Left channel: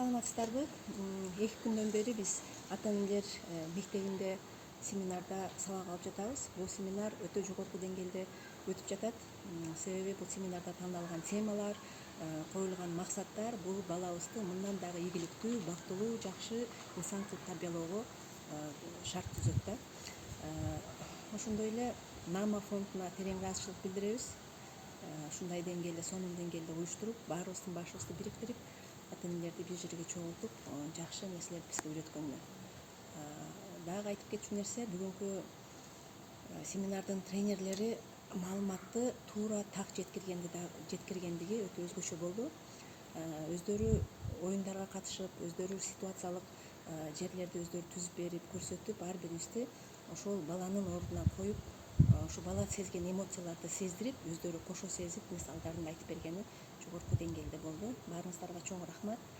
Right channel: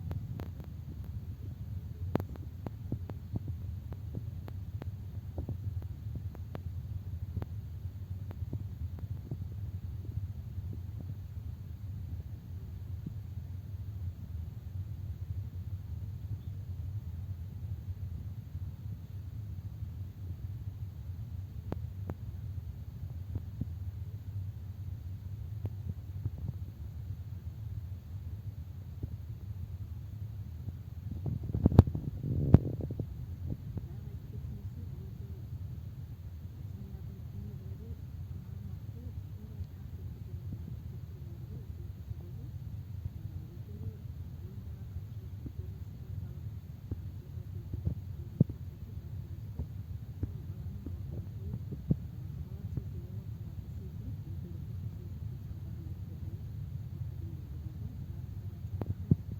Саламатсыздарбы? 2 күндөн бери биз ата энелер мектебинде семинарда сабак алып жатабыз. Бул семинар өтө жогорку деңгээлде өтүп жатат. Себеби бул семинарда тандалган темалар, коюлган максаттар бул балабызды мындан дагы ийгиликтүү, бактылуу, жакшы инсан кылып тарбиялоого шарт түзөт да. Ошондой эле Нама фондуна терең ыраазычылык билдиребиз. Ушундай деңгээлде, сонун деңгээлде уюштуруп, баарыбыздын башыбызды бириктирип, ата энелерди бир жерге чогултуп, жакшы нерселерди бизге үйрөткөнгө. Дагы айтып кетчү нерсе, бүгүнкү семинардын тренерлери маалыматты туура так жеткиргендиги өтө өзгөчө болду. Өздөрү оюндарга катышып, өздөрү ситуациялык жерлерди өздөрү түзүп берип, көрсөтүп, ар бирибизди ошол баланын ордуна коюп, ошо бала сезген эмоцияларды сездирип, өздөрү кошо сезип, мисалдарын айтып бергени жогорку деңгээлде болду. Баарыңыздарга чоң рахмат.